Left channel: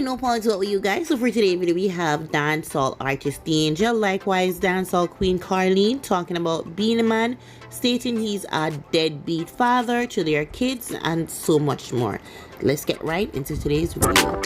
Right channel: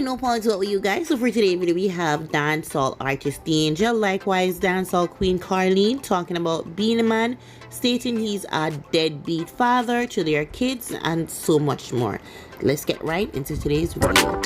Alright, no apologies with you guys. So for today's video, we have dancehall artist Dangel, likewise dancehall queen Carlene, talking about Beenie Man, stating he's a deadbeat father to their kids, and so much more. Let's get right into today's video.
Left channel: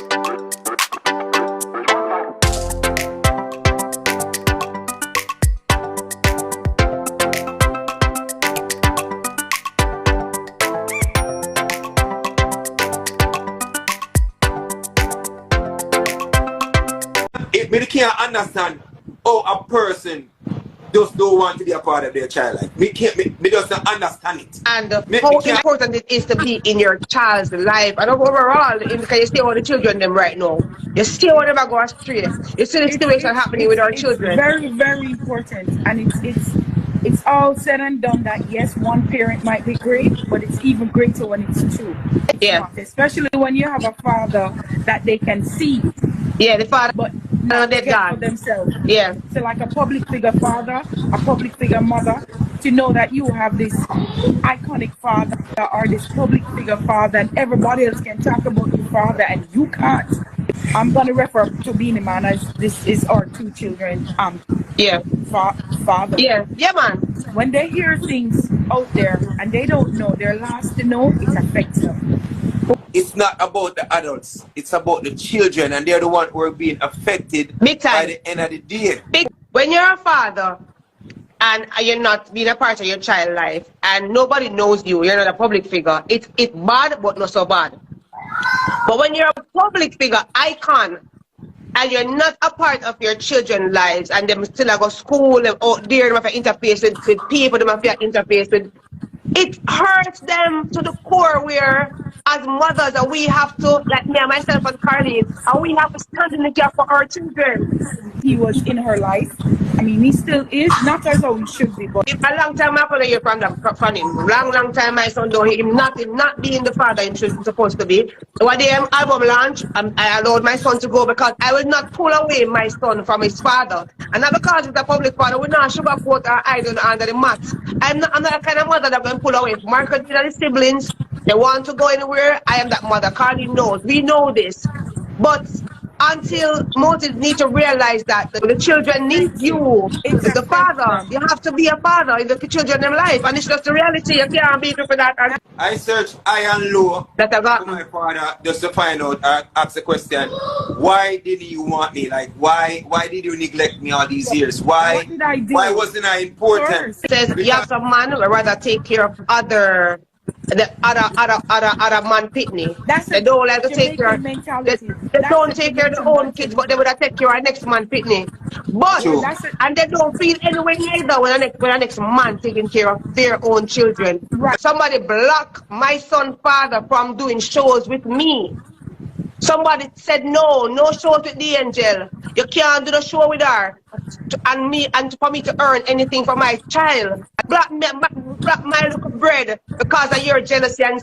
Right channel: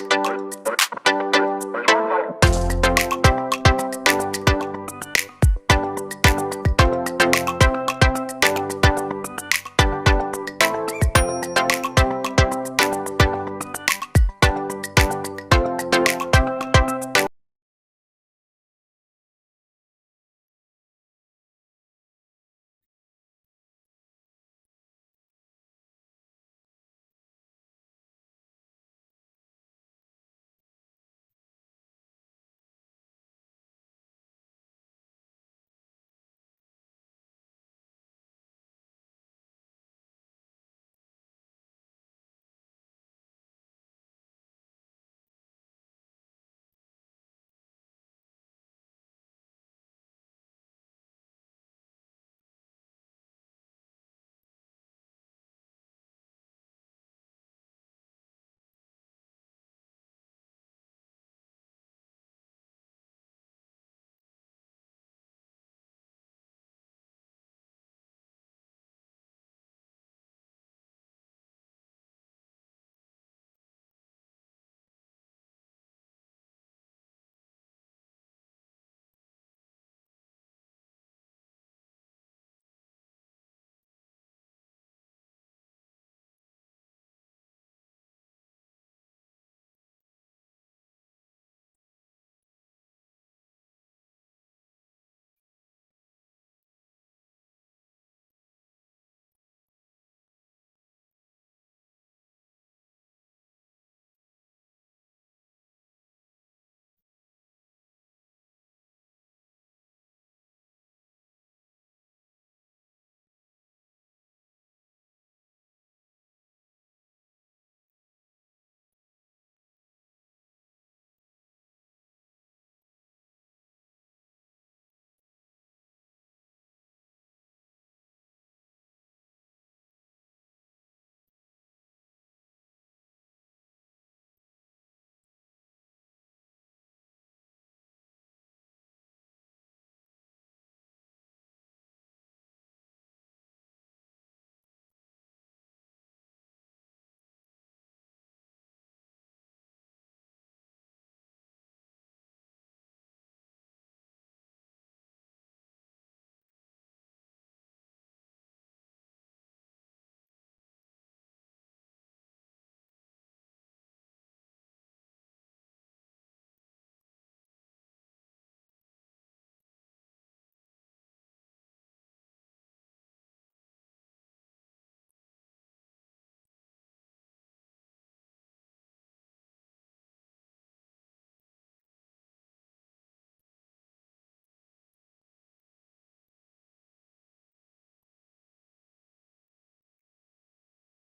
Me can't understand how a person just don't want to be a part of their child life. Me just don't understand it. And how important it is to be in your child's life. And overall, because you see all the children them right now. You see how them go astray. You see the situation happening with our children. Very, very important. And it's all said and done that yes, one parent might be great, but it's even greater when it's two. Yeah. Especially when you have a father that they can see. Yeah, the father. But not care for themselves. Yeah. So like a public figure father, a public figure mother, to know that you have this iconic father or this public figure father, and everybody else can talk about your father and you can't. I'm gonna refer to Beenie Man as this is our two children. Father. Yeah. Yeah, man. When they hear things out there and they don't know, they're last to know, it affects them. It's not about the adults, it's about the children, and they're the ones who are being affected Big time. by the end of the day. When you're a father and you're not being a part of your child's life and nobody knows you, you're not a public figure, it's bad but not so bad. But when you're a public figure icon and you're not a part of your children's lives and them still go school and out there, them have to interface with people, them have to interface with, it hurts them to the core where as mothers and we have to, like me and myself and Carlene, and we have to stand in the gap for our children. He was in her life. I mean, he still is, not as how he should be, but a long time I hear from him. Long time my son don't hear him not being the father he's supposed to be. When the album launch, I allowed my son to go because I will not pull away my son from his father. And not because he's a public father, we not sugarcoat our idol under the mat. I'm not the kind of mother that will pull away from Marcus and the siblings. They want to go anywhere, I am that mother. Carlene knows. We know this. But until Moses needs to realize that the children need you. It's the father. You have to be a father in the children's life. And it's just the reality. You can't be for that. And I searched high and low that I got to my father just to find out, ask the question, why didn't you want me? Like, why did you neglect me all these years? Why wasn't I important? It says you have some man who would rather take care of other man pitney. They don't like to take care. They don't take care of their own kids, but they would take care of next man pitney. But and they don't feel anywhere neither when the next man taking care of their own children. Right. Somebody blocked my son's father from doing shows with me. Somebody said no shows with the angel. You can't do the show with her. And for me to earn anything for my child. Block my little bread because of your jealousy and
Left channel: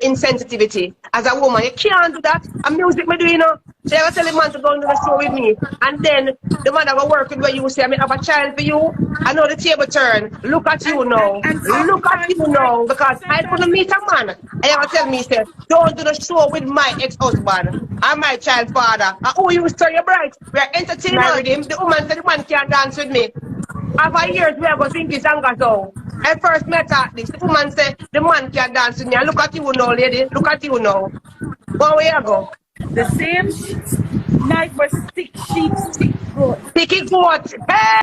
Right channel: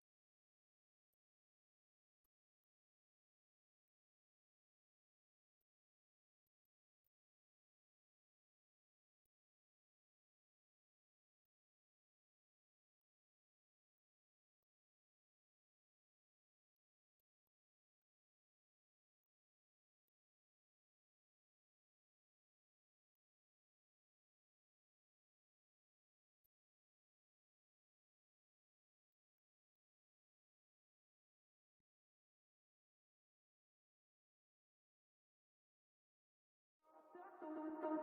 insensitivity. As a woman, you can't do that. And music me do, you know. So you tell the man to go into the show with me. And then the man that will work with where you say, I have a child for you. I know the table turn. Look at you now. Look at you now. Because I couldn't meet a man. And you tell me, say, don't do the show with my ex-husband and my child father. And who you say you're bright? We're entertaining with him. The woman said the man can't dance with me. After years, we are going to think this and go. I first met her this. The woman said the man can't dance with me. And look at you now, lady. Look at you now. Well, where you go? The same knife was stick sheep, stick goat. Sticky goat. Hey!